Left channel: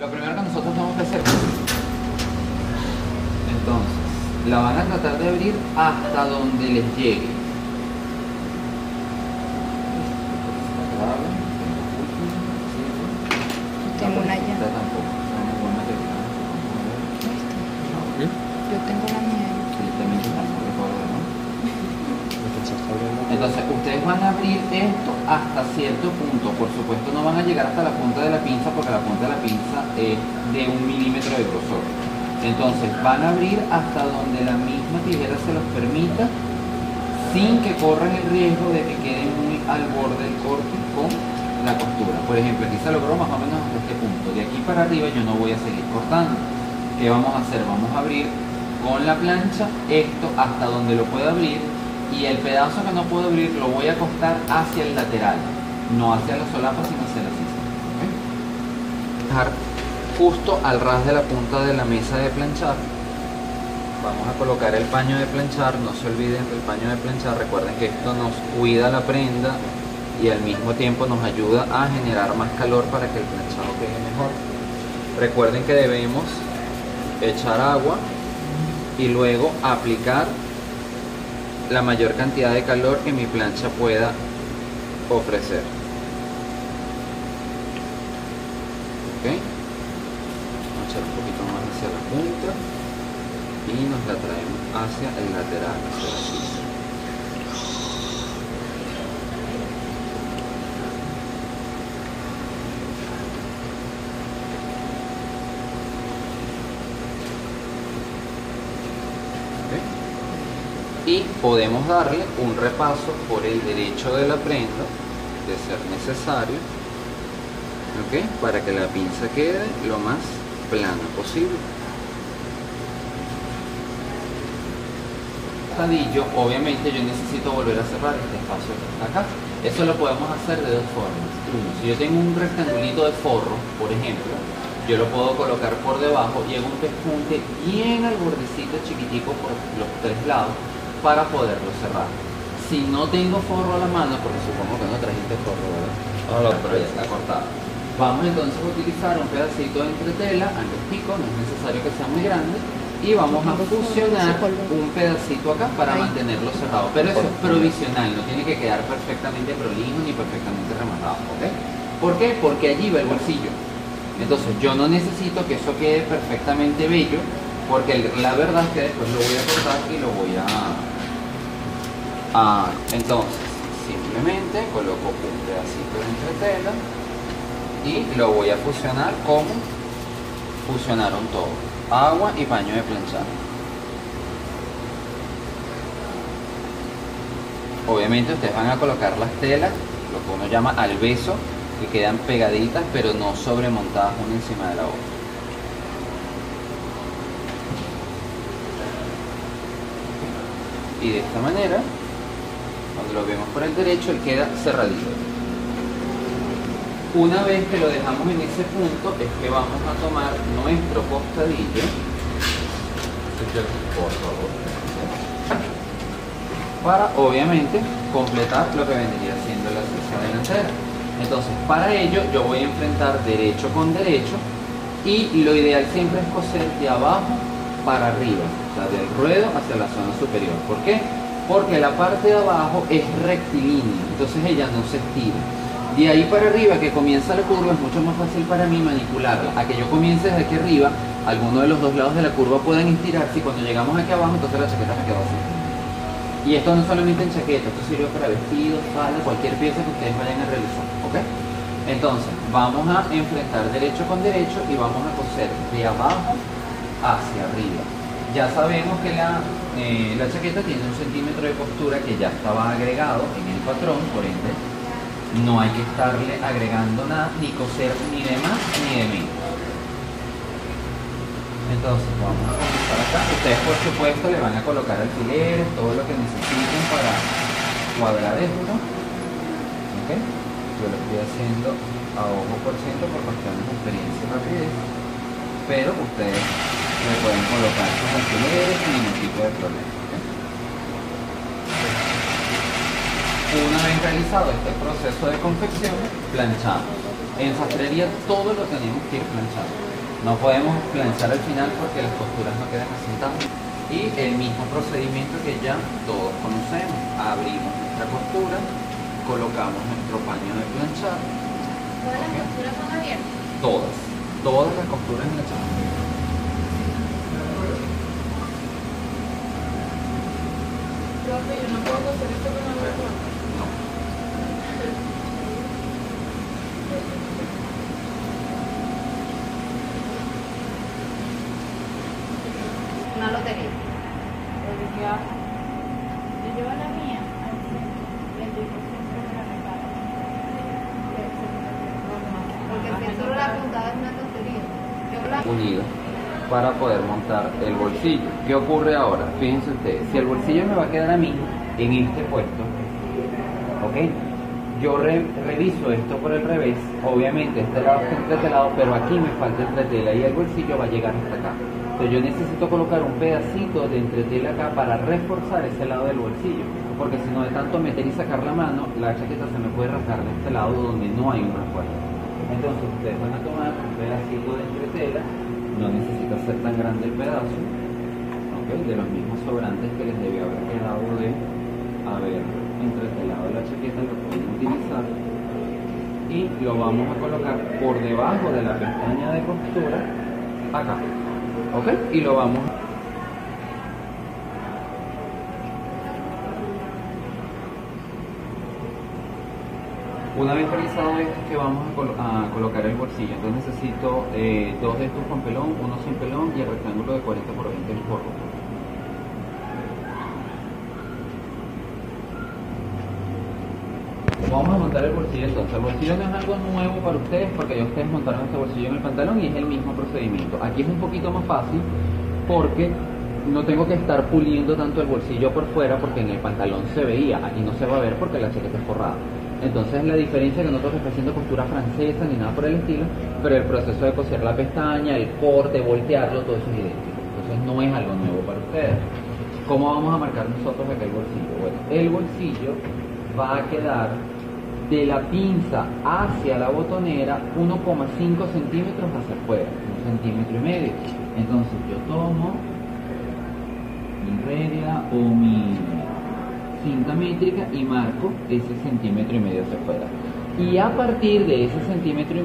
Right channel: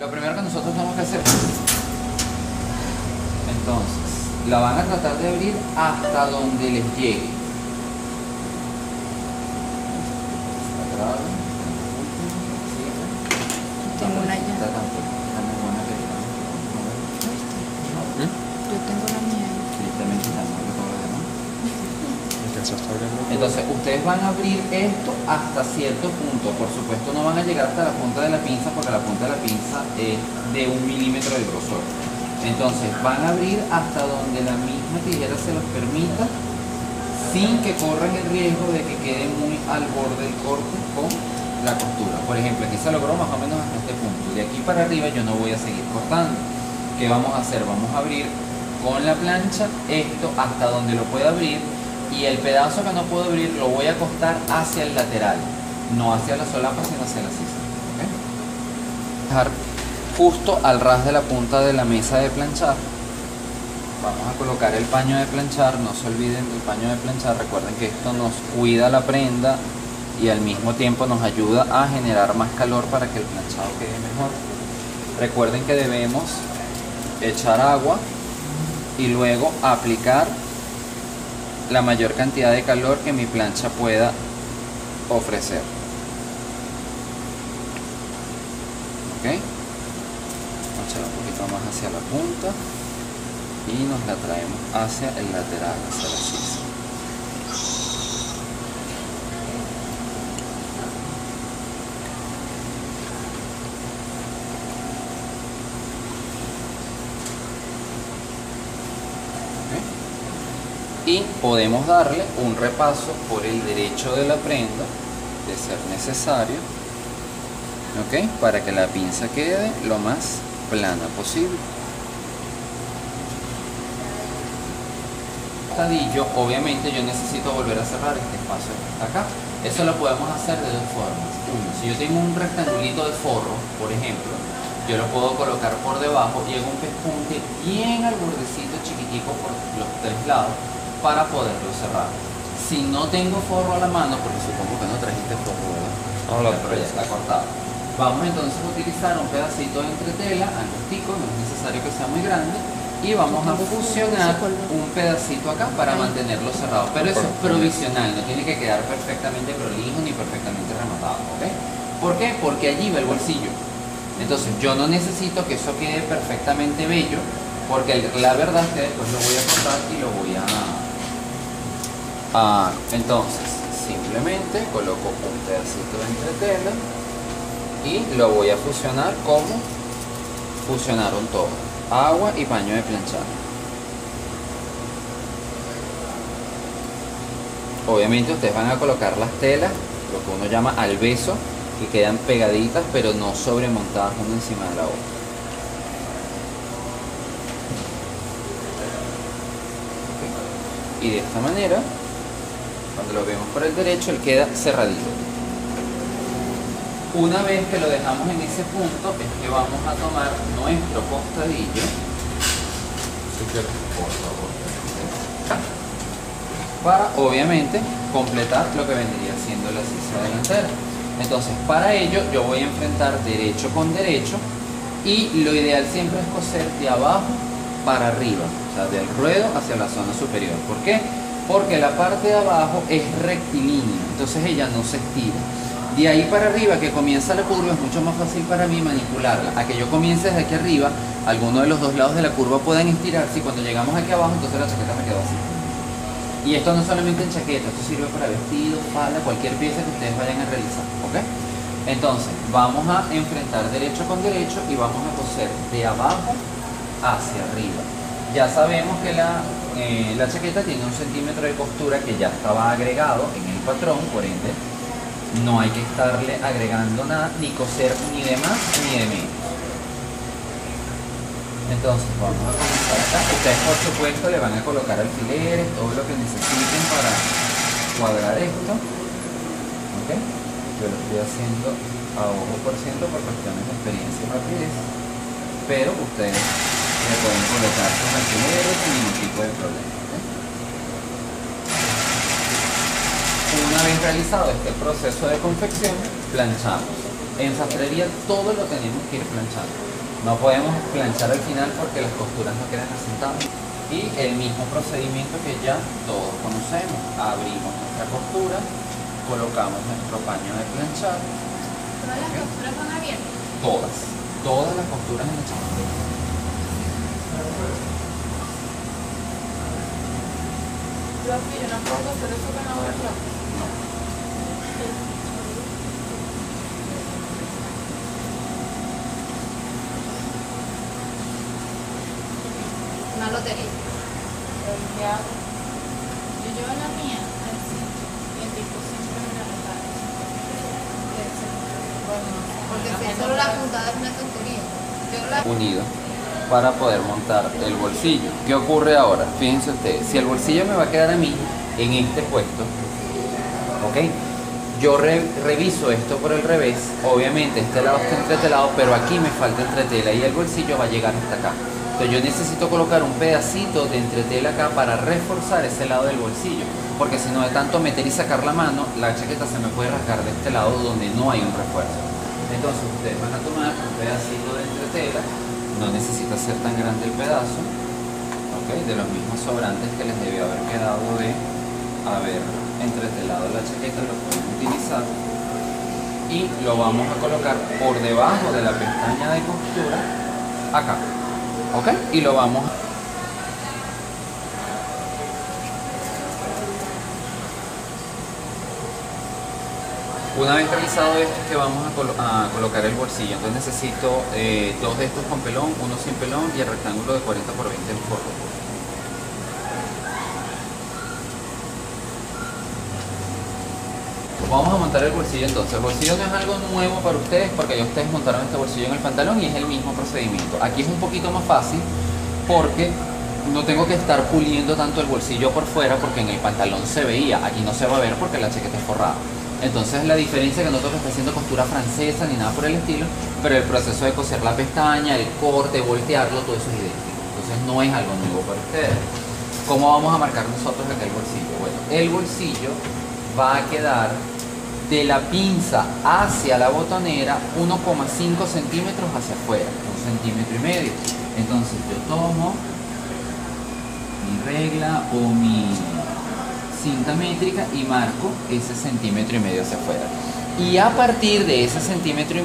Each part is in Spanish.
Lo primero que nosotros tenemos que hacer, entonces, la van a tratar de abrir hasta donde les llegue. Tengo una ya. Yo tengo la mía. Entonces ustedes van a abrir esto hasta cierto punto. Por supuesto no van a llegar hasta la punta de la pinza, porque la punta de la pinza es de 1 milímetro de grosor. Entonces van a abrir hasta donde la misma tijera se los permita, sin que corran el riesgo de que quede muy al borde del corte con la costura. Por ejemplo, aquí se logró más o menos hasta este punto. De aquí para arriba yo no voy a seguir cortando. ¿Qué vamos a hacer? Vamos a abrir con la plancha esto hasta donde lo pueda abrir, y el pedazo que no puedo abrir lo voy a acostar hacia el lateral, no hacia la solapa sino hacia la sisa. ¿Okay? Dejar justo al ras de la punta de la mesa de planchar. Vamos a colocar el paño de planchar. No se olviden del paño de planchar. Recuerden que esto nos cuida la prenda y al mismo tiempo nos ayuda a generar más calor para que el planchado quede mejor. Recuerden que debemos echar agua y luego aplicar la mayor cantidad de calor que mi plancha pueda ofrecer. ¿Ok? Vamos a echar un poquito más hacia la punta y nos la traemos hacia el lateral, hacia la sisa. Y podemos darle un repaso por el derecho de la prenda, de ser necesario, ¿ok? Para que la pinza quede lo más plana posible. Obviamente yo necesito volver a cerrar este espacio que está acá. Eso lo podemos hacer de dos formas. Uno, si yo tengo un rectangulito de forro, por ejemplo, yo lo puedo colocar por debajo y hago un pespunte bien al bordecito chiquitico por los tres lados, para poderlo cerrar. Si no tengo forro a la mano, porque supongo que no trajiste forro, ¿verdad? Pero ya está cortado. Vamos entonces a utilizar un pedacito de entretela, angostico, no es necesario que sea muy grande, y vamos a fusionar un pedacito acá para mantenerlo cerrado. Pero eso es provisional, no tiene que quedar perfectamente prolijo ni perfectamente rematado, ¿ok? ¿Por qué? Porque allí va el bolsillo. Entonces yo no necesito que eso quede perfectamente bello, porque la verdad es que después lo voy a cortar y lo voy a... entonces, simplemente coloco un pedacito de entretela y lo voy a fusionar como fusionaron todo: agua y paño de planchar. Obviamente ustedes van a colocar las telas, lo que uno llama al beso, que quedan pegaditas pero no sobremontadas una encima de la otra. Y de esta manera, cuando lo vemos por el derecho, él queda cerradito. Una vez que lo dejamos en ese punto, es que vamos a tomar nuestro costadillo, por favor, para obviamente completar lo que vendría siendo la sisa delantera. Entonces, para ello yo voy a enfrentar derecho con derecho, y lo ideal siempre es coser de abajo para arriba, o sea, del ruedo hacia la zona superior. ¿Por qué? Porque la parte de abajo es rectilínea, entonces ella no se estira. De ahí para arriba, que comienza la curva, es mucho más fácil para mí manipularla. A que yo comience desde aquí arriba, alguno de los dos lados de la curva puedan estirarse, y cuando llegamos aquí abajo, entonces la chaqueta me quedó así. Y esto no es solamente en chaqueta, esto sirve para vestidos, falda, cualquier pieza que ustedes vayan a realizar, ¿ok? Entonces, vamos a enfrentar derecho con derecho y vamos a coser de abajo hacia arriba. Ya sabemos que la chaqueta tiene 1 centímetro de costura que ya estaba agregado en el patrón, por ende no hay que estarle agregando nada, ni coser ni de más ni de menos. Entonces vamos a comenzar acá. Ustedes por supuesto le van a colocar alfileres, todo lo que necesiten para cuadrar esto, ¿ok? Yo lo estoy haciendo a ojo por ciento por cuestiones de experiencia y rapidez, pero ustedes le pueden colocar sus alfileres sin ningún tipo de problema, ¿okay? Una vez realizado este proceso de confección, planchamos. En sastrería todo lo tenemos que ir planchando. No podemos planchar al final porque las costuras no quedan asentadas. Y el mismo procedimiento que ya todos conocemos. Abrimos nuestra costura, colocamos nuestro paño de planchar. ¿Todas las costuras van abiertas? Todas las costuras en la chamarra. Profe, yo no puedo coser esto con la otra. Una lotería. Yo llevo la mía al centro y el tipo siempre me la repara. Porque si es solo la puntada es una tontería. Yo la... Unido para poder montar el bolsillo. ¿Qué ocurre ahora? Fíjense ustedes, si el bolsillo me va a quedar a mí en este puesto, ¿ok? Yo reviso esto por el revés, obviamente este lado está entretelado, pero aquí me falta entretela y el bolsillo va a llegar hasta acá. Entonces yo necesito colocar un pedacito de entretela acá para reforzar ese lado del bolsillo, porque si no de tanto meter y sacar la mano, la chaqueta se me puede rasgar de este lado donde no hay un refuerzo. Entonces ustedes van a tomar un pedacito de entretela, no necesita ser tan grande el pedazo, ¿okay? De los mismos sobrantes que les debió haber quedado de haber entretelado la chaqueta, lo pueden utilizar y lo vamos a colocar por debajo de la pestaña de costura acá, ¿ok? Y lo vamos a... Una vez realizado esto es que vamos a colocar el bolsillo. Entonces necesito dos de estos con pelón, uno sin pelón y el rectángulo de 40 por 20 en forro. Vamos a montar el bolsillo entonces. El bolsillo no es algo nuevo para ustedes porque ya ustedes montaron este bolsillo en el pantalón y es el mismo procedimiento. Aquí es un poquito más fácil porque no tengo que estar puliendo tanto el bolsillo por fuera porque en el pantalón se veía. Aquí no se va a ver porque la chaqueta es forrada. Entonces la diferencia es que no tengo que estar haciendo costura francesa ni nada por el estilo, pero el proceso de coser la pestaña, el corte, voltearlo, todo eso es idéntico. Entonces no es algo nuevo para ustedes. ¿Cómo vamos a marcar nosotros acá el bolsillo? Bueno, el bolsillo va a quedar de la pinza hacia la botonera 1,5 centímetros hacia afuera, 1,5 centímetros. Entonces yo tomo mi regla o mi cinta métrica y marco ese 1,5 centímetros hacia afuera. Y a partir de ese 1,5 centímetros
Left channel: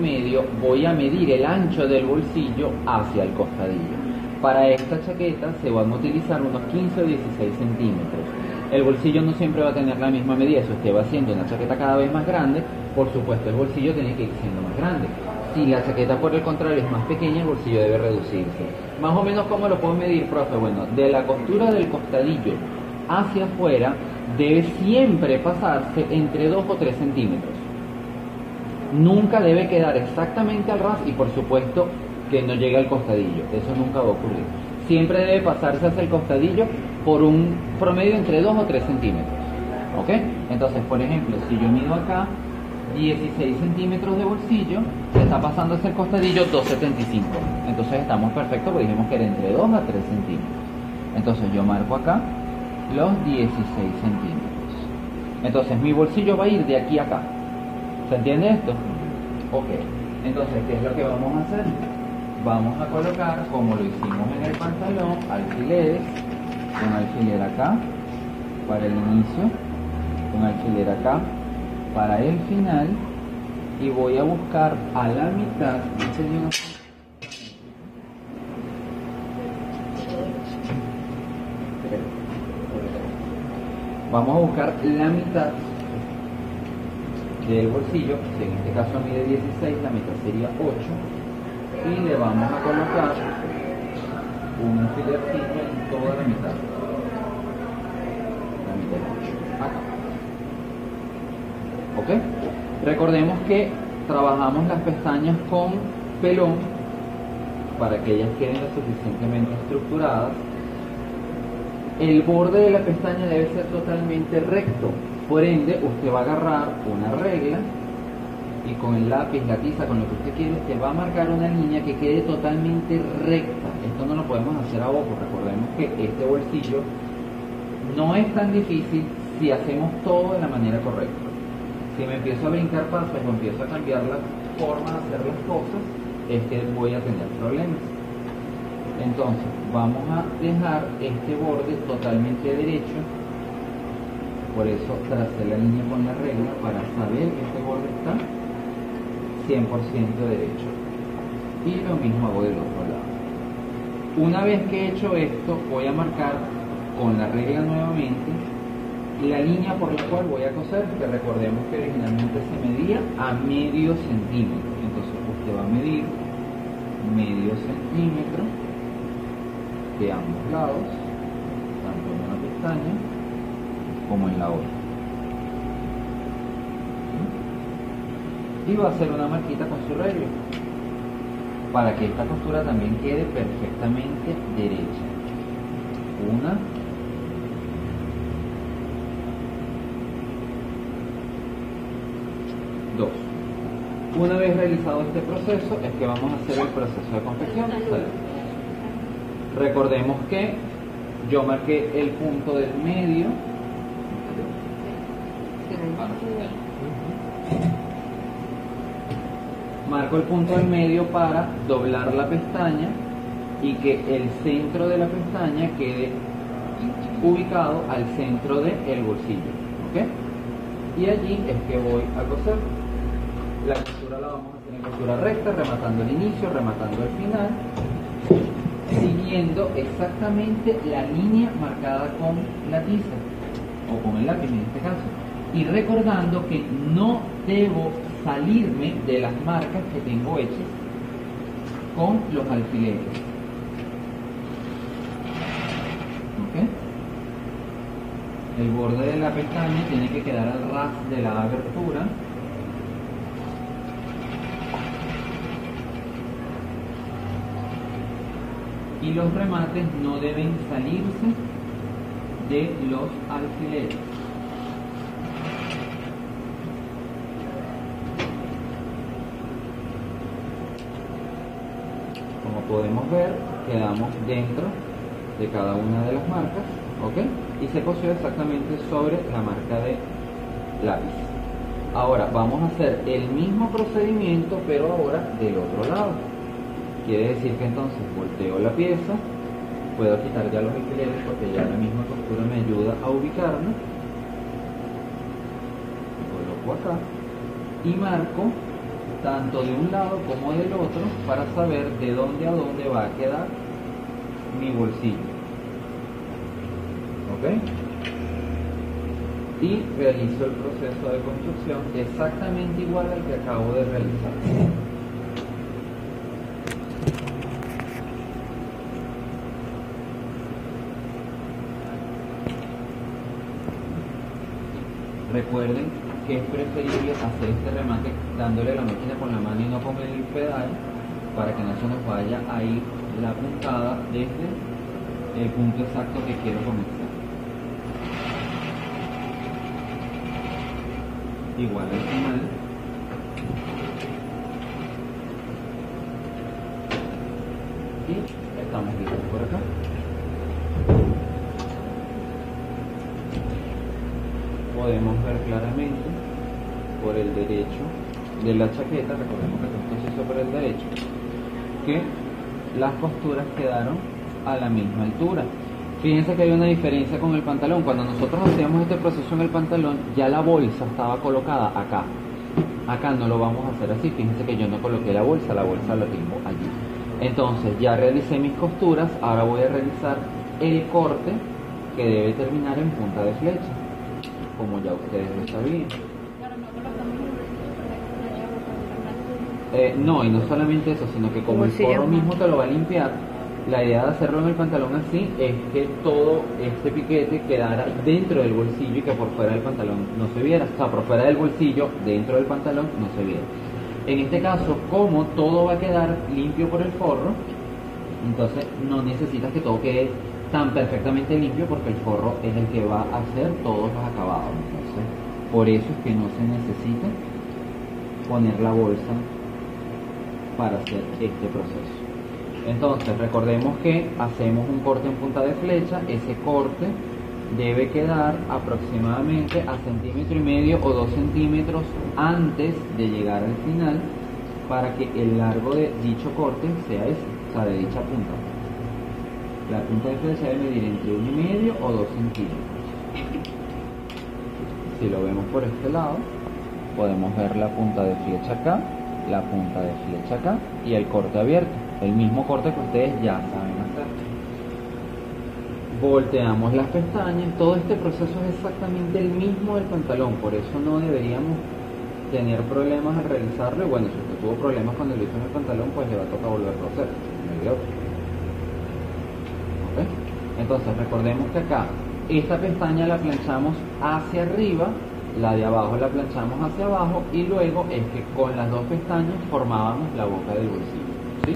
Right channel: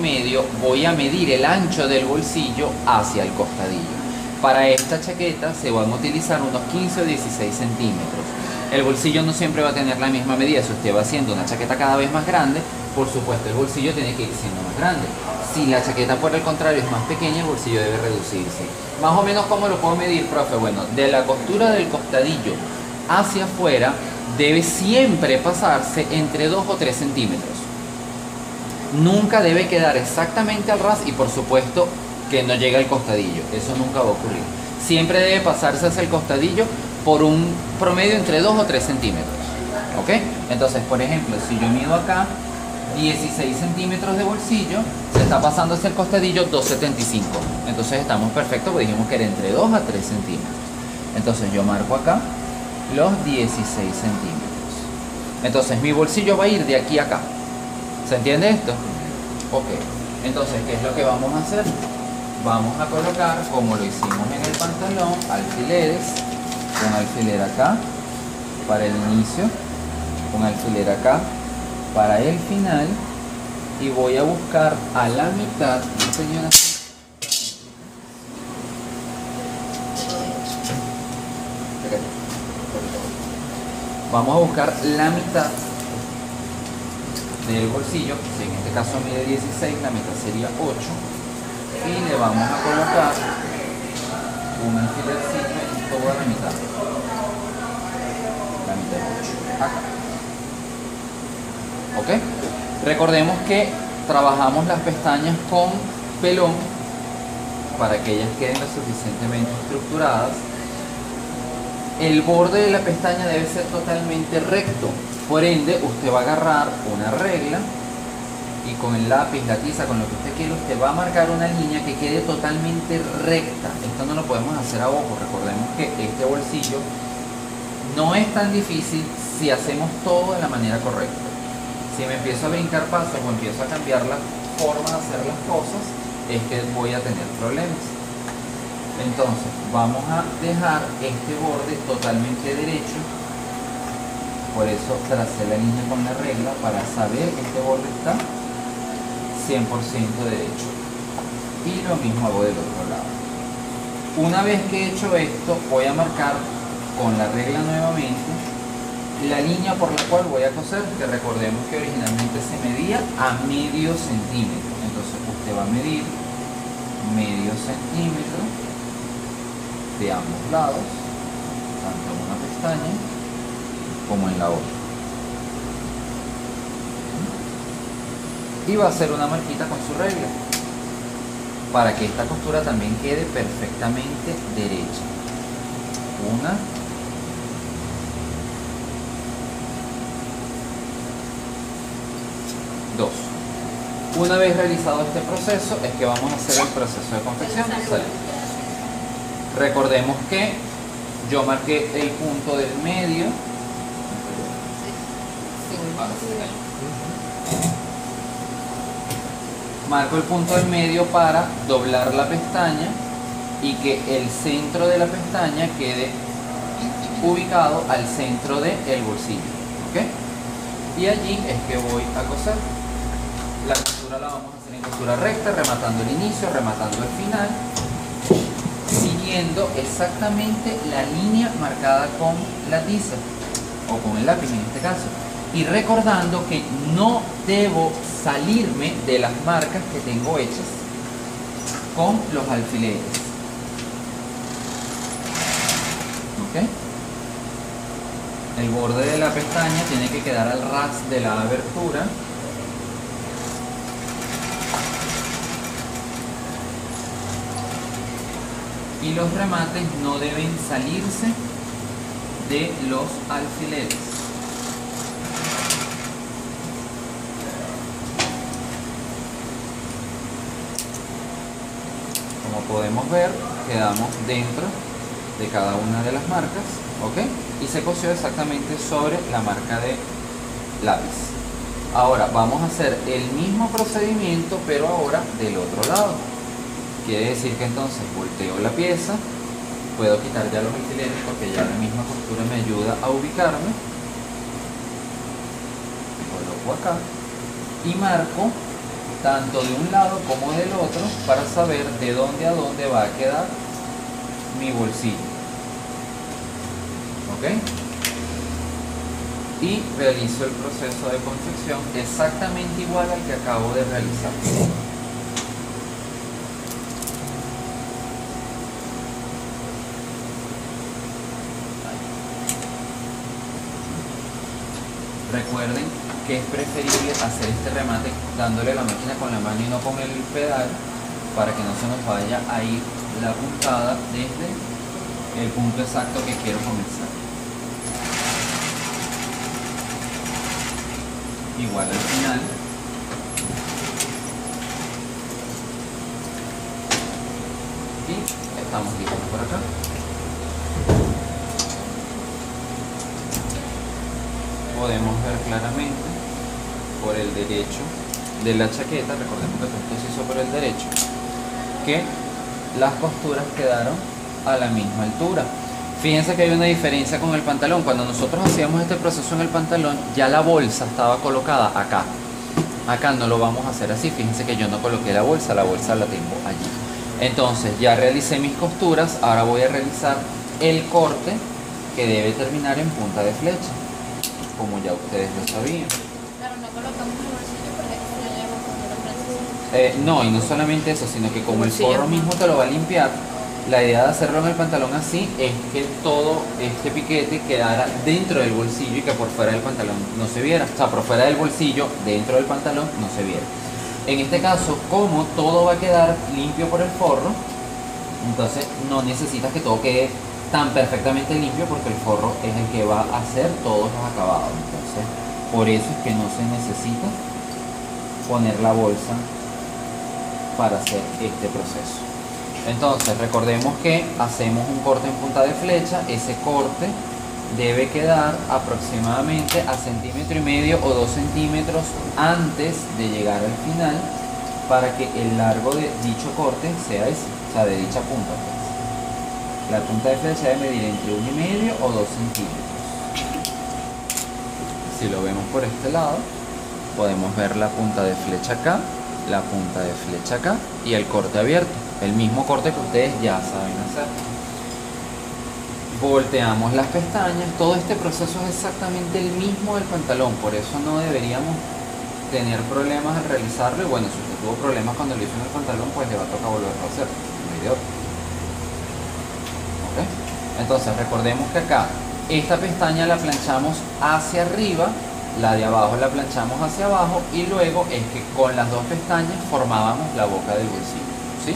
voy a medir el ancho del bolsillo hacia el costadillo. Para esta chaqueta se van a utilizar unos 15 o 16 centímetros. El bolsillo no siempre va a tener la misma medida. Si usted va haciendo una chaqueta cada vez más grande, por supuesto el bolsillo tiene que ir siendo más grande. Si la chaqueta por el contrario es más pequeña, el bolsillo debe reducirse. Más o menos, ¿cómo lo puedo medir, profe? Bueno, de la costura del costadillo hacia afuera debe siempre pasarse entre 2 o 3 centímetros. Nunca debe quedar exactamente al ras y por supuesto que no llegue al costadillo. Eso nunca va a ocurrir. Siempre debe pasarse hacia el costadillo por un promedio entre 2 o 3 centímetros. ¿Ok? Entonces, por ejemplo, si yo mido acá 16 centímetros de bolsillo, se está pasando hacia el costadillo 2,75. Entonces estamos perfectos porque dijimos que era entre 2 a 3 centímetros. Entonces yo marco acá los 16 centímetros. Entonces mi bolsillo va a ir de aquí a acá. ¿Se entiende esto? Ok. Entonces, ¿qué es lo que vamos a hacer? Vamos a colocar, como lo hicimos en el pantalón, alfileres. Un alfiler acá para el inicio, un alfiler acá para el final y voy a buscar a la mitad. Vamos a buscar la mitad del bolsillo, si en este caso mide 16, la mitad sería 8 y le vamos a colocar un alfilercito en toda la mitad. La mitad de 8 acá. ¿Ok? Recordemos que trabajamos las pestañas con pelón para que ellas queden lo suficientemente estructuradas. El borde de la pestaña debe ser totalmente recto. Por ende, usted va a agarrar una regla y con el lápiz, la tiza, con lo que usted quiera, usted va a marcar una línea que quede totalmente recta. Esto no lo podemos hacer a ojo. Recordemos que este bolsillo no es tan difícil si hacemos todo de la manera correcta. Si me empiezo a brincar pasos o empiezo a cambiar la forma de hacer las cosas es que voy a tener problemas. Entonces vamos a dejar este borde totalmente derecho. Por eso tracé la línea con la regla para saber que este borde está 100% derecho. Y lo mismo hago del otro lado. Una vez que he hecho esto, voy a marcar con la regla nuevamente la línea por la cual voy a coser, que recordemos que originalmente se medía a medio centímetro. Entonces usted va a medir medio centímetro de ambos lados, tanto en una pestaña como en la otra. Y va a hacer una marquita con su regla para que esta costura también quede perfectamente derecha. Una, dos. Una vez realizado este proceso es que vamos a hacer el proceso de confección. Recordemos que yo marqué el punto del medio. Marco el punto del medio para doblar la pestaña y que el centro de la pestaña quede ubicado al centro del bolsillo. ¿Ok? Y allí es que voy a coser. La costura la vamos a hacer en costura recta, rematando el inicio, rematando el final, siguiendo exactamente la línea marcada con la tiza o con el lápiz en este caso, y recordando que no debo salirme de las marcas que tengo hechas con los alfileres. ¿Ok? El borde de la pestaña tiene que quedar al ras de la abertura. Y los remates no deben salirse de los alfileres. Como podemos ver, quedamos dentro de cada una de las marcas, ¿ok? Y se cosió exactamente sobre la marca de lápiz. Ahora vamos a hacer el mismo procedimiento, pero ahora del otro lado. Quiere decir que entonces volteo la pieza, puedo quitar ya los alfileres porque ya la misma costura me ayuda a ubicarme. Coloco acá y marco tanto de un lado como del otro para saber de dónde a dónde va a quedar mi bolsillo. ¿Ok? Y realizo el proceso de confección exactamente igual al que acabo de realizar. Recuerden que es preferible hacer este remate dándole a la máquina con la mano y no con el pedal, para que no se nos vaya a ir la puntada desde el punto exacto que quiero comenzar. Igual al final. Y estamos listos por acá. Podemos ver claramente por el derecho de la chaqueta, recordemos que esto se hizo por el derecho, que las costuras quedaron a la misma altura. Fíjense que hay una diferencia con el pantalón. Cuando nosotros hacíamos este proceso en el pantalón, ya la bolsa estaba colocada acá. Acá no lo vamos a hacer así. Fíjense que yo no coloqué la bolsa la tengo allí. Entonces ya realicé mis costuras, ahora voy a realizar el corte que debe terminar en punta de flecha, como ya ustedes lo sabían. Claro, no colocamos el bolsillo para que se le haya roto la precisión. No, y no solamente eso, sino que como el forro mismo te lo va a limpiar, la idea de hacerlo en el pantalón así es que todo este piquete quedara dentro del bolsillo y que por fuera del pantalón no se viera. O sea, por fuera del bolsillo, dentro del pantalón, no se viera. En este caso, como todo va a quedar limpio por el forro, entonces no necesitas que todo quede tan perfectamente limpio, porque el forro es el que va a hacer todos los acabados. Entonces, por eso es que no se necesita poner la bolsa para hacer este proceso. Entonces recordemos que hacemos un corte en punta de flecha. Ese corte debe quedar aproximadamente a 1,5 centímetros o 2 centímetros antes de llegar al final para que el largo de dicho corte sea ese, o sea, de dicha punta, pues. La punta de flecha debe medir entre 1,5 o 2 centímetros. Si lo vemos por este lado, podemos ver la punta de flecha acá, la punta de flecha acá y el corte abierto, el mismo corte que ustedes ya saben hacer. Volteamos las pestañas, todo este proceso es exactamente el mismo del pantalón, por eso no deberíamos tener problemas al realizarlo. Y bueno, si usted tuvo problemas cuando lo hizo en el pantalón, pues le va a tocar volverlo a hacer, no hay de otra. ¿Ok? Entonces recordemos que acá esta pestaña la planchamos hacia arriba, la de abajo la planchamos hacia abajo, y luego es que con las dos pestañas formábamos la boca del bolsillo, ¿sí?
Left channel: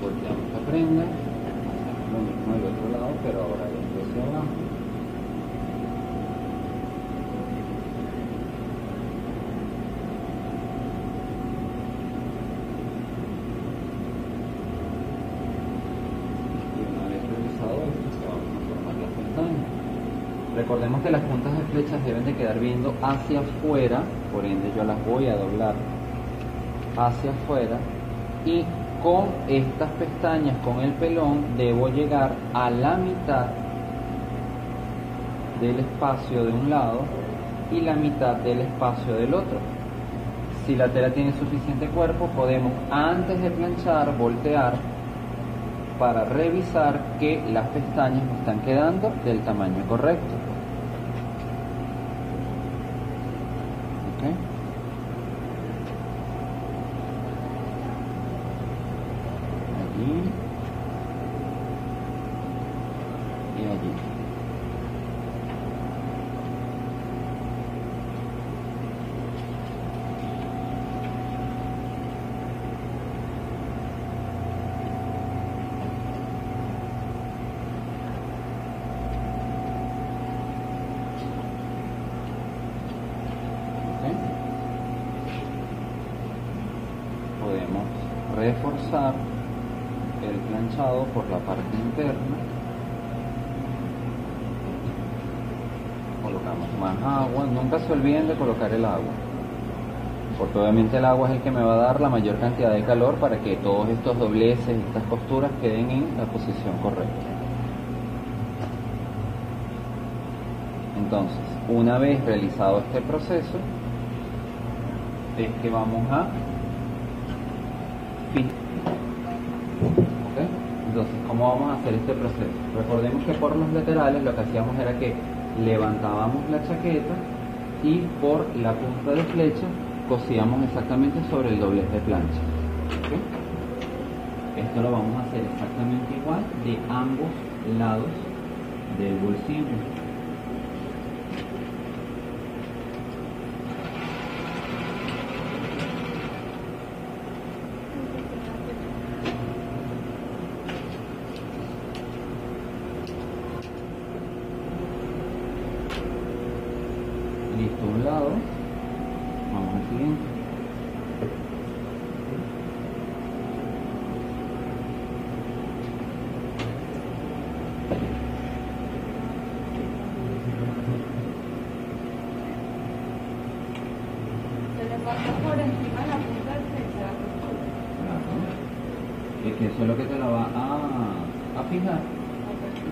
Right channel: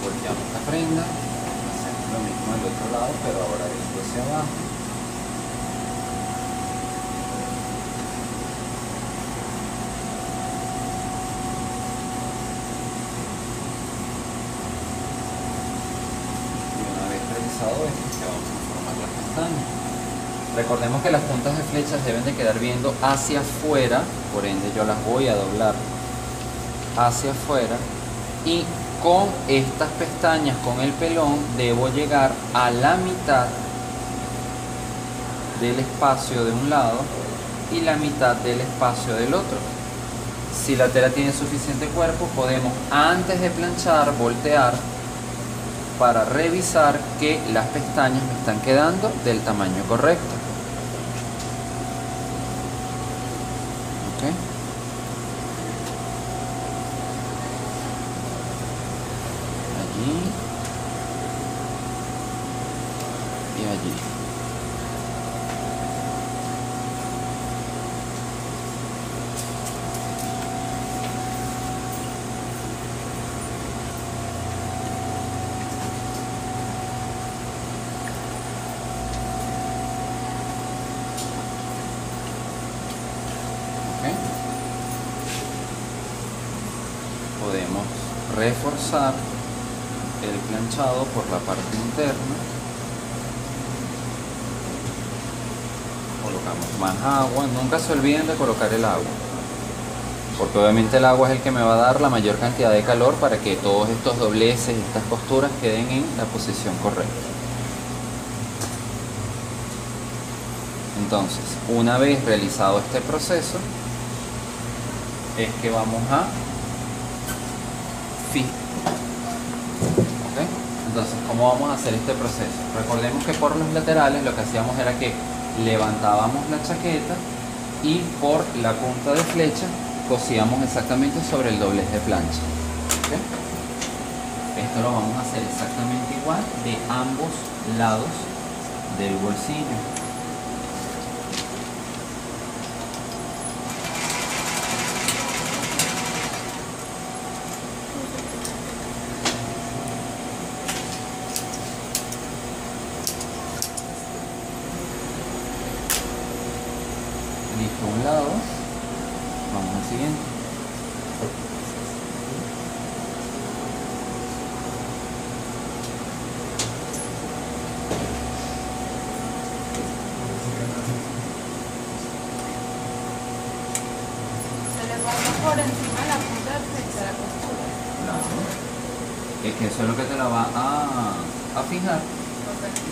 Volteamos la prenda, hacemos lo mismo del otro lado, pero ahora viendo hacia abajo. Y una vez realizado esto, ya vamos a formar las pestañas. Recordemos que las puntas de flechas deben de quedar viendo hacia afuera, por ende yo las voy a doblar hacia afuera, y con estas pestañas, con el pelón, debo llegar a la mitad del espacio de un lado y la mitad del espacio del otro. Si la tela tiene suficiente cuerpo, podemos, antes de planchar, voltear para revisar que las pestañas me están quedando del tamaño correcto. ¿Ok? Allí y allí. ¿Ok? Podemos reforzar el planchado por la parte interna. Colocamos más agua, nunca se olviden de colocar el agua, porque obviamente el agua es el que me va a dar la mayor cantidad de calor para que todos estos dobleces, estas costuras queden en la posición correcta. Entonces, una vez realizado este proceso, es que vamos a fijar. Entonces, ¿cómo vamos a hacer este proceso? Recordemos que por los laterales lo que hacíamos era que levantábamos la chaqueta y por la punta de flecha cosíamos exactamente sobre el doblez de plancha. ¿Ok? Esto lo vamos a hacer exactamente igual de ambos lados del bolsillo. Listo un lado, vamos al siguiente. Se le pasa por encima de la punta de flecha de la costura. No. Es que eso es lo que te la va a fijar. Correcto.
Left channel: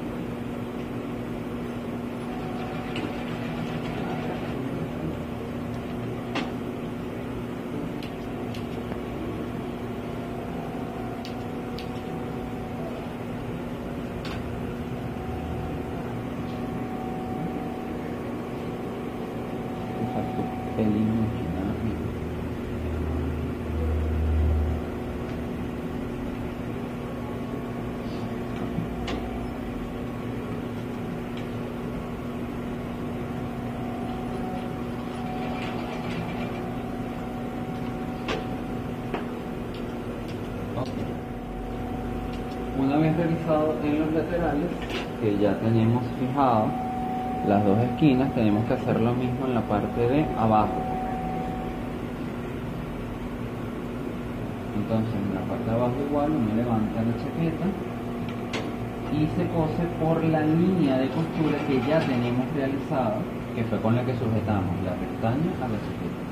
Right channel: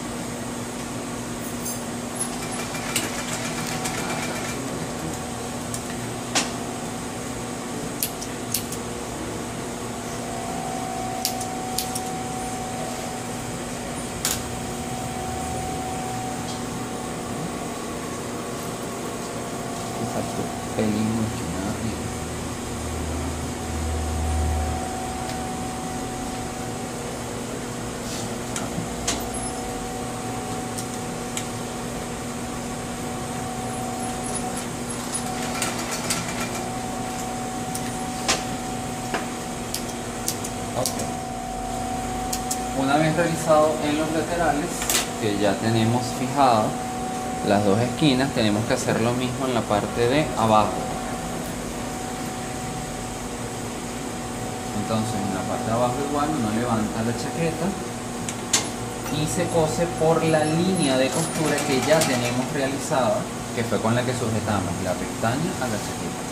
Exacto, pelín mucho más arriba. Ok. Una Una vez realizado en los laterales, que ya tenemos fijado las dos esquinas, tenemos que hacer lo mismo en la parte de abajo. Entonces en la parte de abajo igual uno levanta la chaqueta y se cose por la línea de costura que ya tenemos realizada, que fue con la que sujetamos la pestaña a la chaqueta.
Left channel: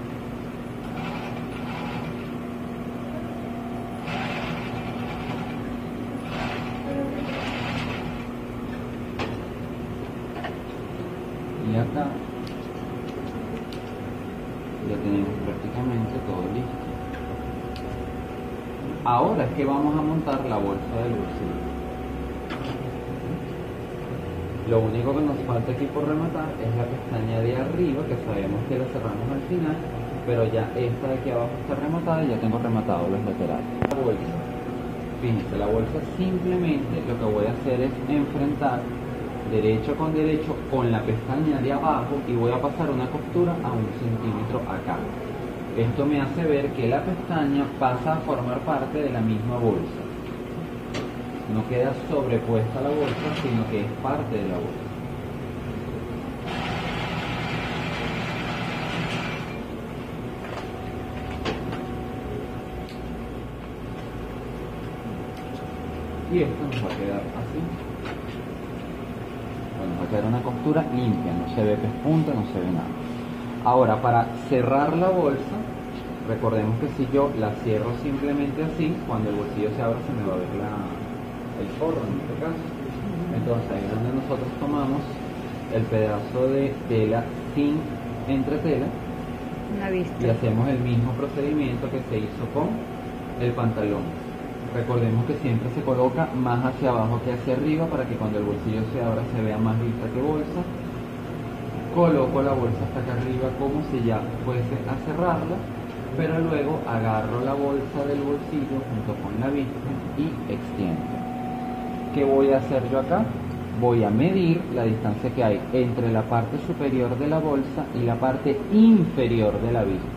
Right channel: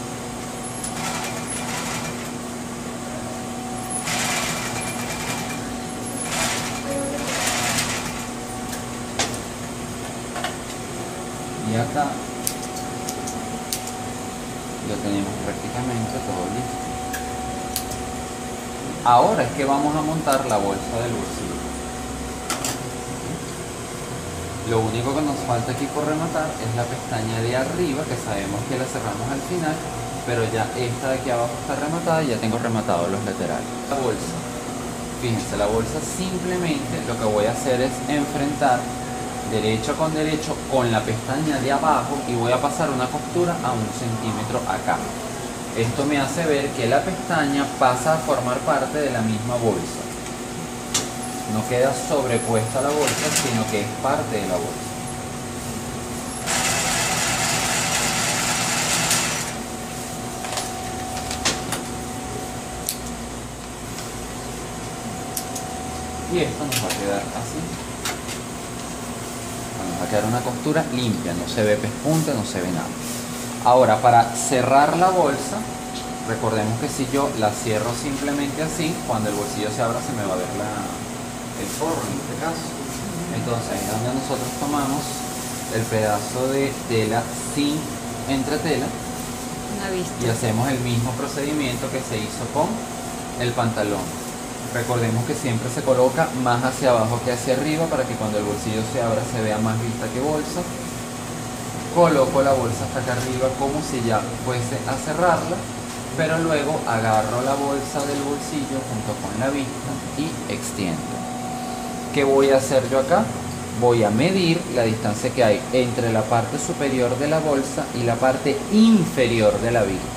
Y acá lo tenemos prácticamente todo listo. Ahora es que vamos a montar la bolsa del bolsillo. Lo único que nos falta aquí por rematar es la pestaña de arriba, que sabemos que la cerramos al final, pero ya esta de aquí abajo está rematada y ya tengo rematado los laterales. La bolsa, fíjense, la bolsa simplemente lo que voy a hacer es enfrentar derecho con la pestaña de abajo y voy a pasar una costura a 1 centímetro acá. Esto me hace ver que la pestaña pasa a formar parte de la misma bolsa. No queda sobrepuesta a la bolsa, sino que es parte de la bolsa. Y esto nos va a quedar así. Nos va a quedar una costura limpia, no se ve pespunte, no se ve nada. Ahora, para cerrar la bolsa, recordemos que si yo la cierro simplemente así, cuando el bolsillo se abra se me va a ver el forro en este caso. Entonces ahí es donde nosotros tomamos el pedazo de tela sin entretela y hacemos el mismo procedimiento que se hizo con el pantalón. Recordemos que siempre se coloca más hacia abajo que hacia arriba para que cuando el bolsillo se abra se vea más vista que bolsa. Coloco la bolsa hasta acá arriba como si ya fuese a cerrarla, pero luego agarro la bolsa del bolsillo junto con la vista y extiendo. ¿Qué voy a hacer yo acá? Voy a medir la distancia que hay entre la parte superior de la bolsa y la parte inferior de la vista.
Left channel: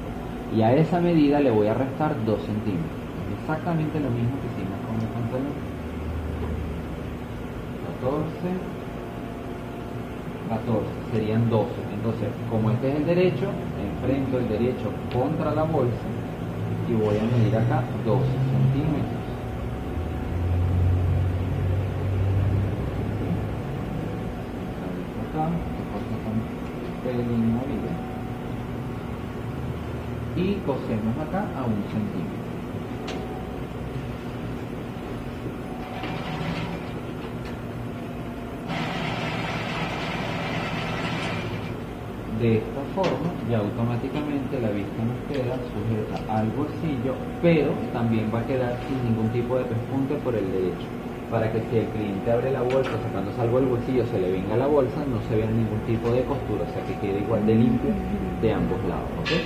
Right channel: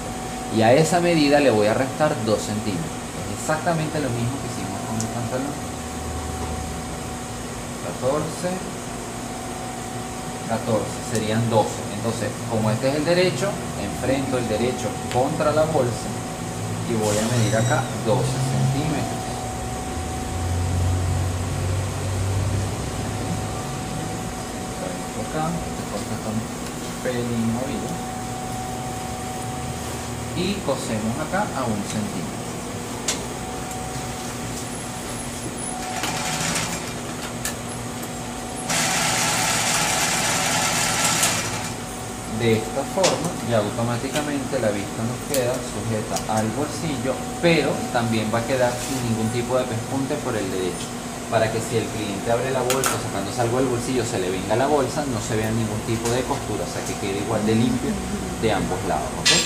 Y a esa medida le voy a restar 2 centímetros. Es exactamente lo mismo que hicimos con el pantalón. 14, serían 12. Entonces, como este es el derecho, enfrento el derecho contra la bolsa y voy a medir acá 12 centímetros. Acá, está un pelín movido. Y cosemos acá a 1 centímetro. De esta forma ya automáticamente la vista nos queda sujeta al bolsillo, pero también va a quedar sin ningún tipo de pespunte por el derecho, para que si el cliente abre la bolsa sacándose algo del bolsillo se le venga la bolsa, no se vea ningún tipo de costura, o sea que quede igual de limpio de ambos lados, ¿okay?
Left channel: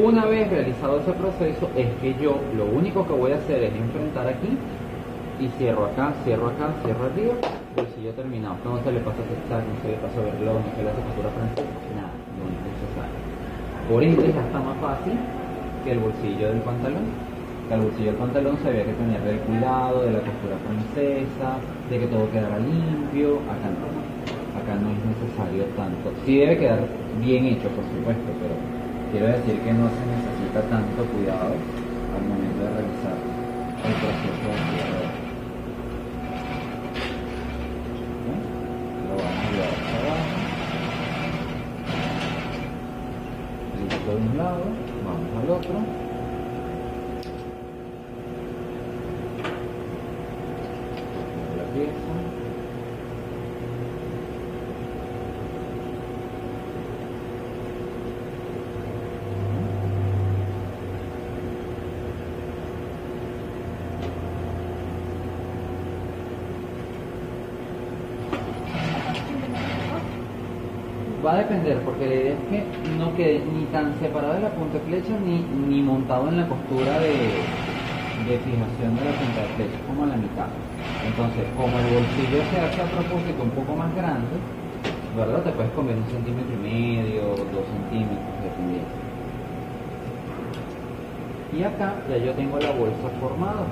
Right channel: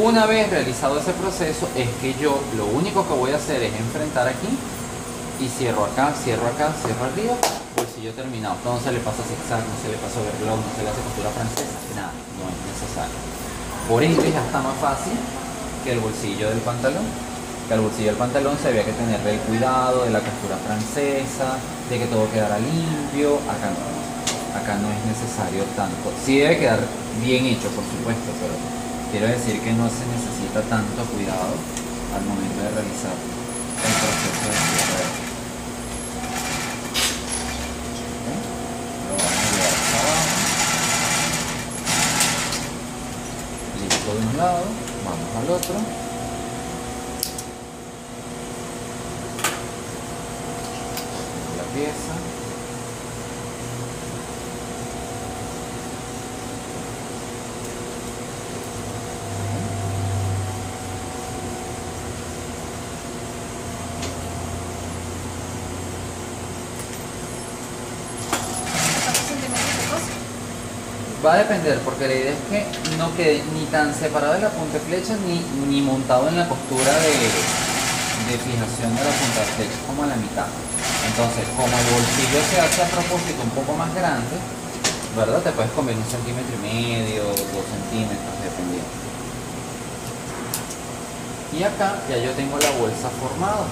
Una vez realizado ese proceso es que yo lo único que voy a hacer es enfrentar aquí y cierro acá, cierro arriba, bolsillo terminado. No se le pasa zigzag, no se le pasa overlock, no se le hace costura francesa, nada, no es necesario. Por ende ya está más fácil que el bolsillo del pantalón. Que al bolsillo del pantalón se había que tenerle el cuidado de la costura francesa, de que todo quedara limpio. Acá no es necesario tanto. Sí debe quedar bien hecho, por supuesto, pero quiero decir que no se necesita tanto cuidado al momento de realizar el proceso de cierre. De un lado, vamos al otro. La pieza. Va a depender, porque la idea es que no quede ni tan separado de la punta de flecha ni montado en la costura de fijación de la punta de flecha, como a la mitad. Entonces, como el bolsillo se hace a propósito un poco más grande, ¿verdad? Te puedes comer 1,5 centímetros, 2 centímetros, dependiendo. Y acá ya yo tengo la bolsa formada.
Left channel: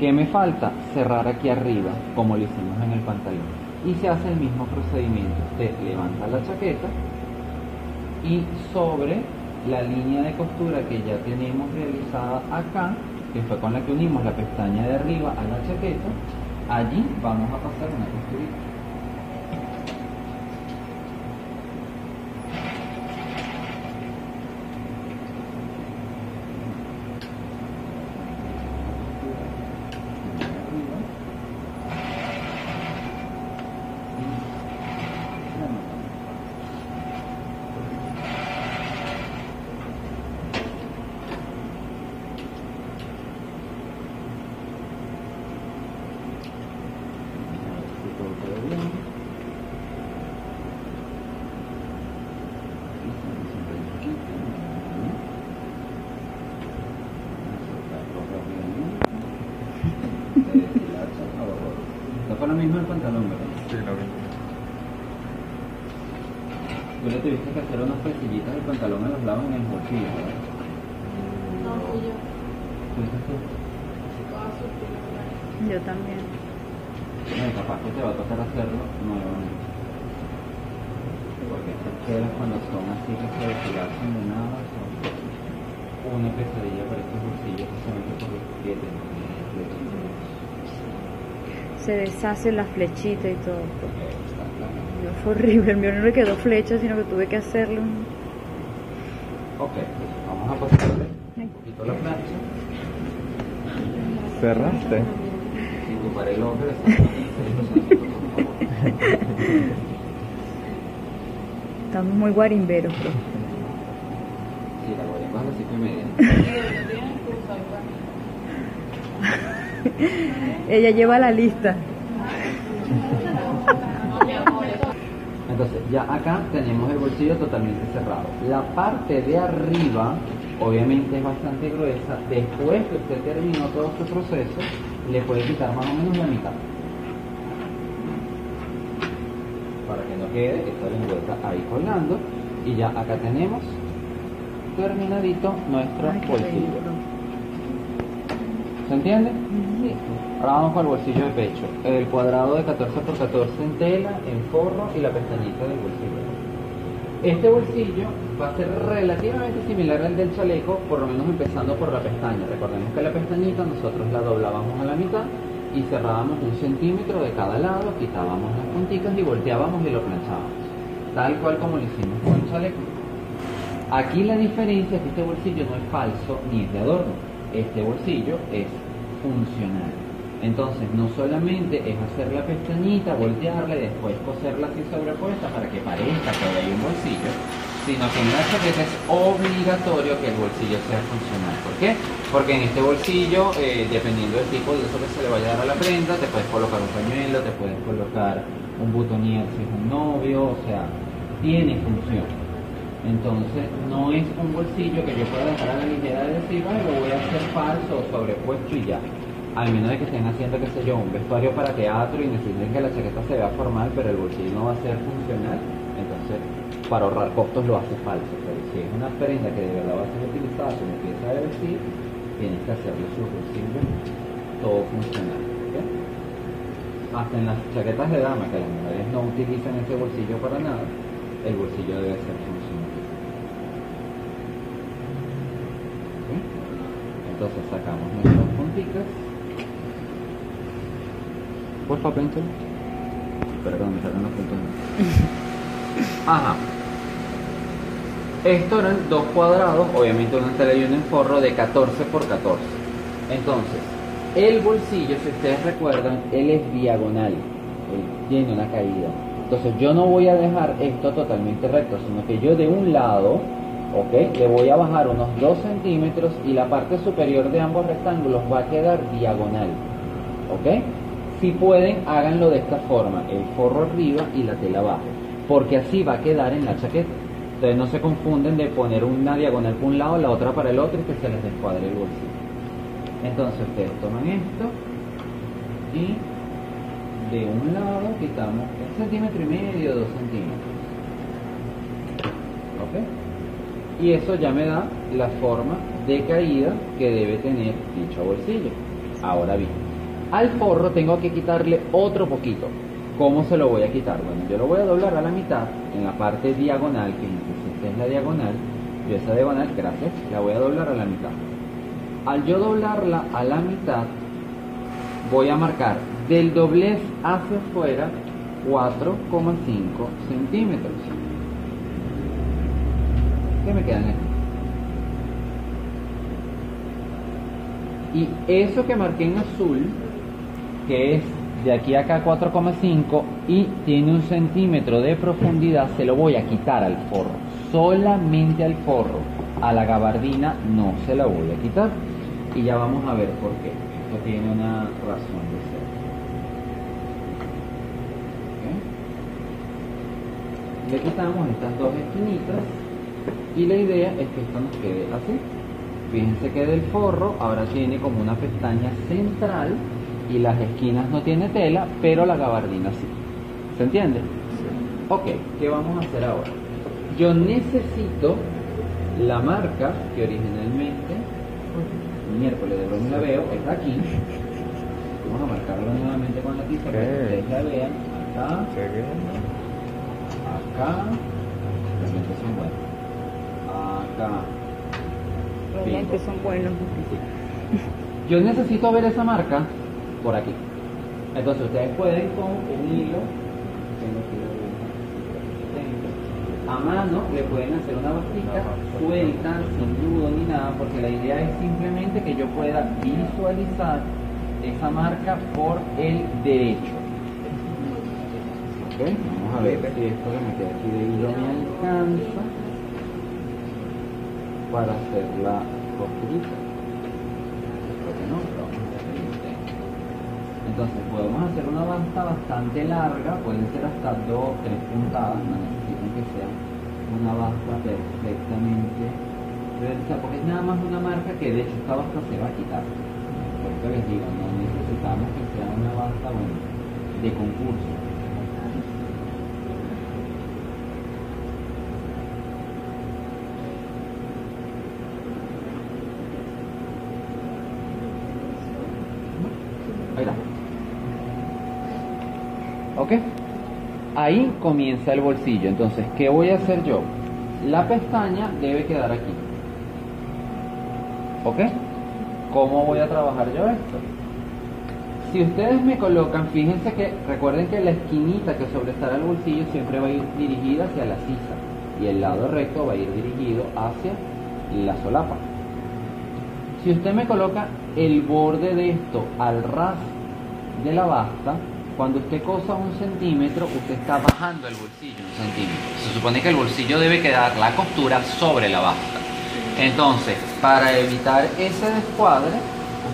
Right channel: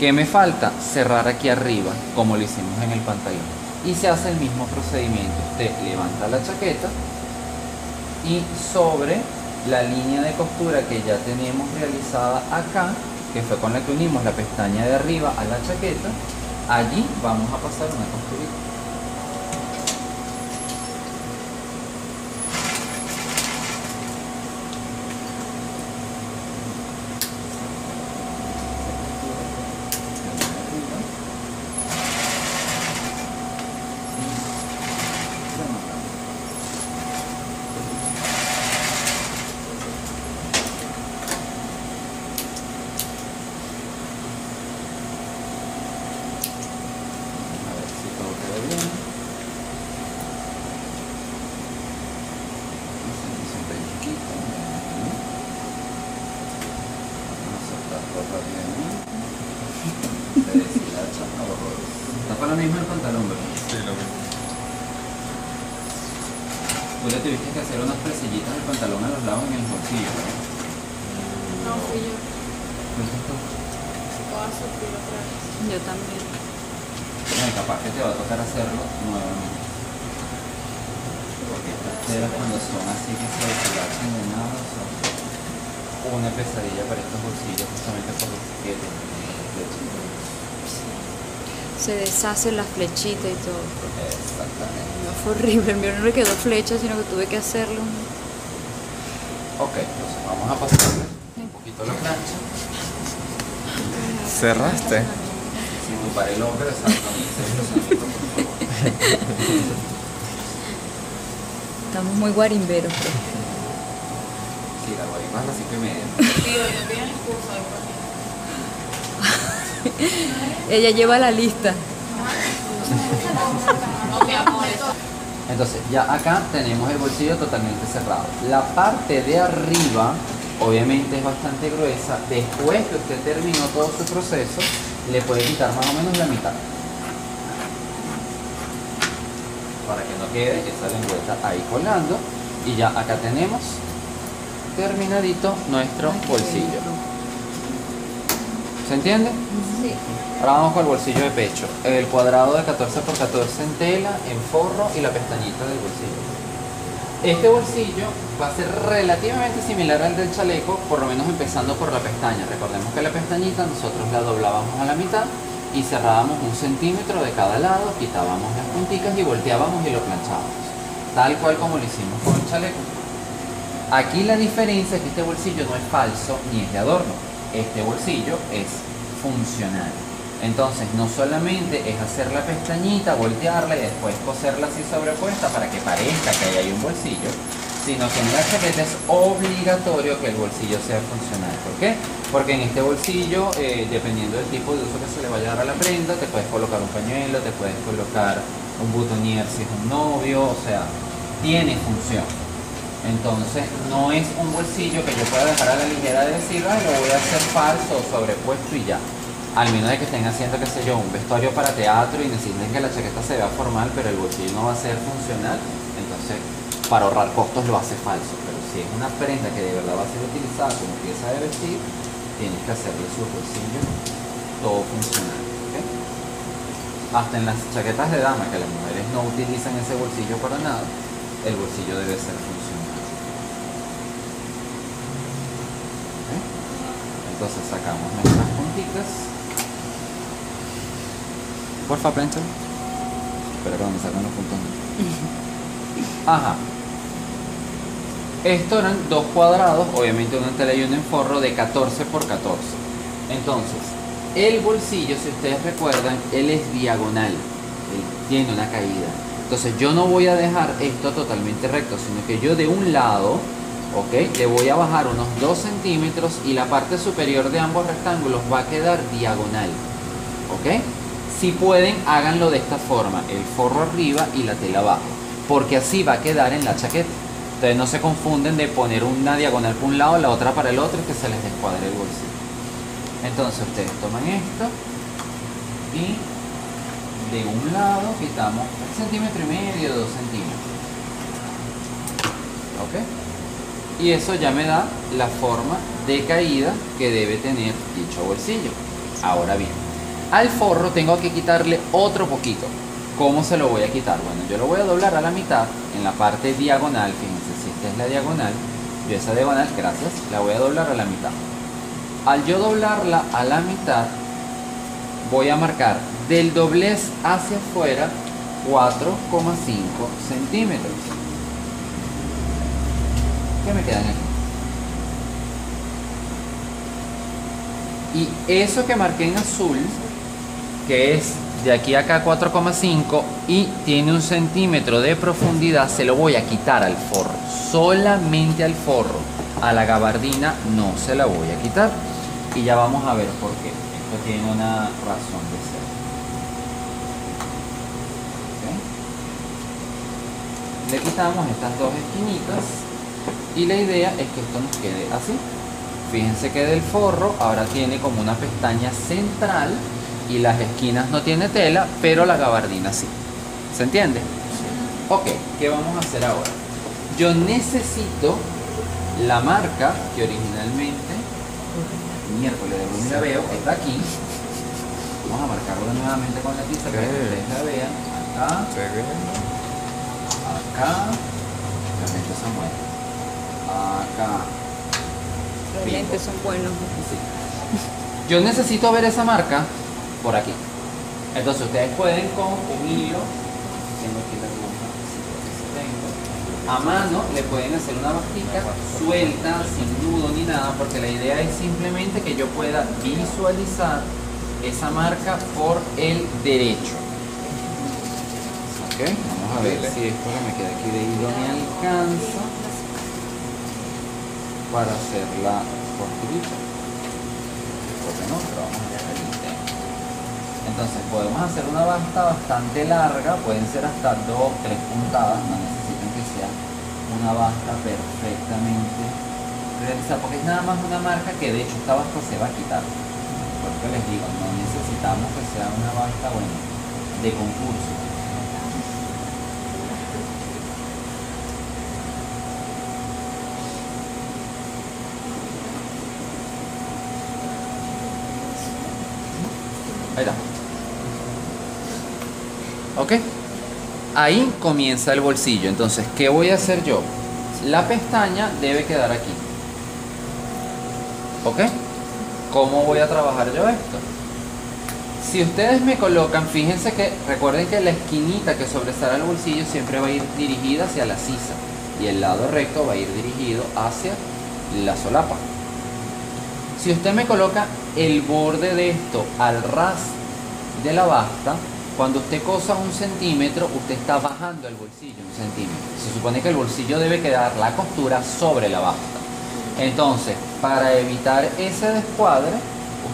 ¿Qué me falta? Cerrar aquí arriba, como lo hicimos en el pantalón. Y se hace el mismo procedimiento. Usted levanta la chaqueta y sobre la línea de costura que ya teníamos realizada acá, que fue con la que unimos la pestaña de arriba a la chaqueta, allí vamos a pasar una costurita. Está para lo mismo el pantalón, ¿verdad? Sí, lo mismo. Tú le tuviste que hacer unas presillitas del pantalón a los lados en el bolsillo, ¿verdad? No fui yo. ¿Fuiste tú? Voy a sufrir otra vez. Yo también. No, capaz que te va a tocar hacerlo nuevamente. Porque estas telas cuando son así que se deshilachan de nada son una pesadilla para estos bolsillos justamente por los que tienen flechas. Se deshace la flechita y todo. Exactamente. No, fue horrible. El mío no le quedó flecha, sino que tuve que hacerlo. Ok, entonces vamos a pasarle un poquito la plancha. ¿Cerraste? Si tu para el hombre, Estamos muy guarimberos, bro. sí, la guayma es las 5:30. No tienen excusa. Ella lleva la lista. No, mi amor, eso. Entonces, ya acá tenemos el bolsillo totalmente cerrado. La parte de arriba, obviamente es bastante gruesa. Después que usted terminó todo su proceso, le puede quitar más o menos la mitad. Para que no quede esa lengüeta ahí colgando. Y ya acá tenemos terminadito nuestro Ay, qué bolsillo. bello. ¿Se entiende? Sí. Ahora vamos con el bolsillo de pecho. El cuadrado de 14 por 14 en tela, en forro y la pestañita del bolsillo. Este bolsillo va a ser relativamente similar al del chaleco, por lo menos empezando por la pestaña. Recordemos que la pestañita nosotros la doblábamos a la mitad y cerrábamos 1 centímetro de cada lado, quitábamos las punticas y volteábamos y lo planchábamos. Tal cual como lo hicimos con el chaleco. Aquí la diferencia es que este bolsillo no es falso ni es de adorno. Este bolsillo es funcional. Entonces no solamente es hacer la pestañita, voltearla y después coserla así sobrepuesta para que parezca que ahí hay un bolsillo, sino que en la chaqueta es obligatorio que el bolsillo sea funcional. ¿Por qué? Porque en este bolsillo, dependiendo del tipo de uso que se le vaya a dar a la prenda, te puedes colocar un pañuelo, te puedes colocar un boutonniere si es un novio, o sea, tiene función. Entonces no es un bolsillo que yo pueda dejar a la ligera de decir, lo voy a hacer falso o sobrepuesto y ya. Al menos de que estén haciendo, qué sé yo, un vestuario para teatro y necesiten que la chaqueta se vea formal, pero el bolsillo no va a ser funcional, entonces para ahorrar costos lo hace falso. Pero si es una prenda que de verdad va a ser utilizada como pieza de vestir, tienes que hacerle su bolsillo todo funcional. ¿Ok? Hasta en las chaquetas de dama, que las mujeres no utilizan ese bolsillo para nada, el bolsillo debe ser funcional. ¿Ok? Entonces sacamos nuestras puntitas. Porfa, plancha. Espera que me sacan los puntos. Ajá. Estos eran 2 cuadrados, obviamente uno en tela y uno en forro, de 14 por 14. Entonces, el bolsillo, si ustedes recuerdan, él es diagonal. Él tiene una caída. Entonces yo no voy a dejar esto totalmente recto, sino que yo de un lado, ¿ok?, le voy a bajar unos 2 centímetros y la parte superior de ambos rectángulos va a quedar diagonal. ¿Ok? Si pueden, háganlo de esta forma, el forro arriba y la tela abajo, porque así va a quedar en la chaqueta. Entonces no se confunden de poner una diagonal para un lado, la otra para el otro y que se les descuadre el bolsillo. Entonces ustedes toman esto y de un lado quitamos 1,5 centímetros, 2 centímetros. ¿Ok? Y eso ya me da la forma de caída que debe tener dicho bolsillo. Ahora bien, al forro tengo que quitarle otro poquito. ¿Cómo se lo voy a quitar? Bueno, yo lo voy a doblar a la mitad en la parte diagonal. Fíjense, si esta es la diagonal, yo esa diagonal, gracias, la voy a doblar a la mitad. Al yo doblarla a la mitad, voy a marcar del doblez hacia afuera 4,5 centímetros. ¿Qué me quedan aquí? Y eso que marqué en azul, que es de aquí a acá 4,5 y tiene 1 centímetro de profundidad, se lo voy a quitar al forro, solamente al forro. A la gabardina no se la voy a quitar. Y ya vamos a ver por qué. Esto tiene una razón de ser. ¿Okay? Le quitamos estas dos esquinitas y la idea es que esto nos quede así. Fíjense que del forro ahora tiene como una pestaña central y las esquinas no tiene tela, pero la gabardina sí. ¿Se entiende? Sí. Ok, ¿qué vamos a hacer ahora? Yo necesito la marca que originalmente, miércoles de broma la veo, está aquí. Vamos a marcarla nuevamente con la tiza para que ustedes la vean. Acá, acá, los lentes son buenos. Acá. Los lentes son buenos. Sí. Yo necesito ver esa marca por aquí. Entonces ustedes pueden con un hilo, tengo aquí la aguja, a mano le pueden hacer una bastica suelta, sin nudo ni nada, porque la idea es simplemente que yo pueda visualizar esa marca por el derecho. Ok, vamos a ver si esto que me queda aquí de hilo me alcanza para hacerla cortita. Porque no, lo vamos a hacer el intento. Entonces podemos hacer una basta bastante larga, pueden ser hasta 2 o 3 puntadas, no necesitan que sea una basta perfectamente realizada, porque es nada más una marca que de hecho esta basta se va a quitar. Porque les digo, no necesitamos que sea una basta, bueno, de concurso. Ahí está. Ok. Ahí comienza el bolsillo. Entonces, ¿qué voy a hacer yo? La pestaña debe quedar aquí. ¿Ok? ¿Cómo voy a trabajar yo esto? Si ustedes me colocan, fíjense que, recuerden que la esquinita que sobresale el bolsillo siempre va a ir dirigida hacia la sisa. Y el lado recto va a ir dirigido hacia la solapa. Si usted me coloca el borde de esto al ras de la basta, cuando usted cosa 1 centímetro, usted está bajando el bolsillo 1 centímetro. Se supone que el bolsillo debe quedar la costura sobre la basta. Entonces, para evitar ese descuadre,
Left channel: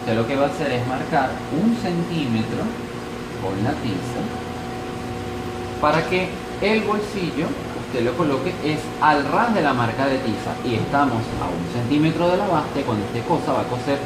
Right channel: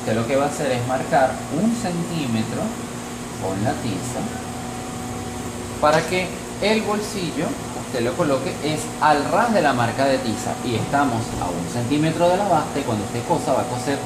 usted lo que va a hacer es marcar 1 centímetro con la tiza para que el bolsillo usted lo coloque es al ras de la marca de tiza y estamos a 1 centímetro de la basta y cuando usted cosa va a coser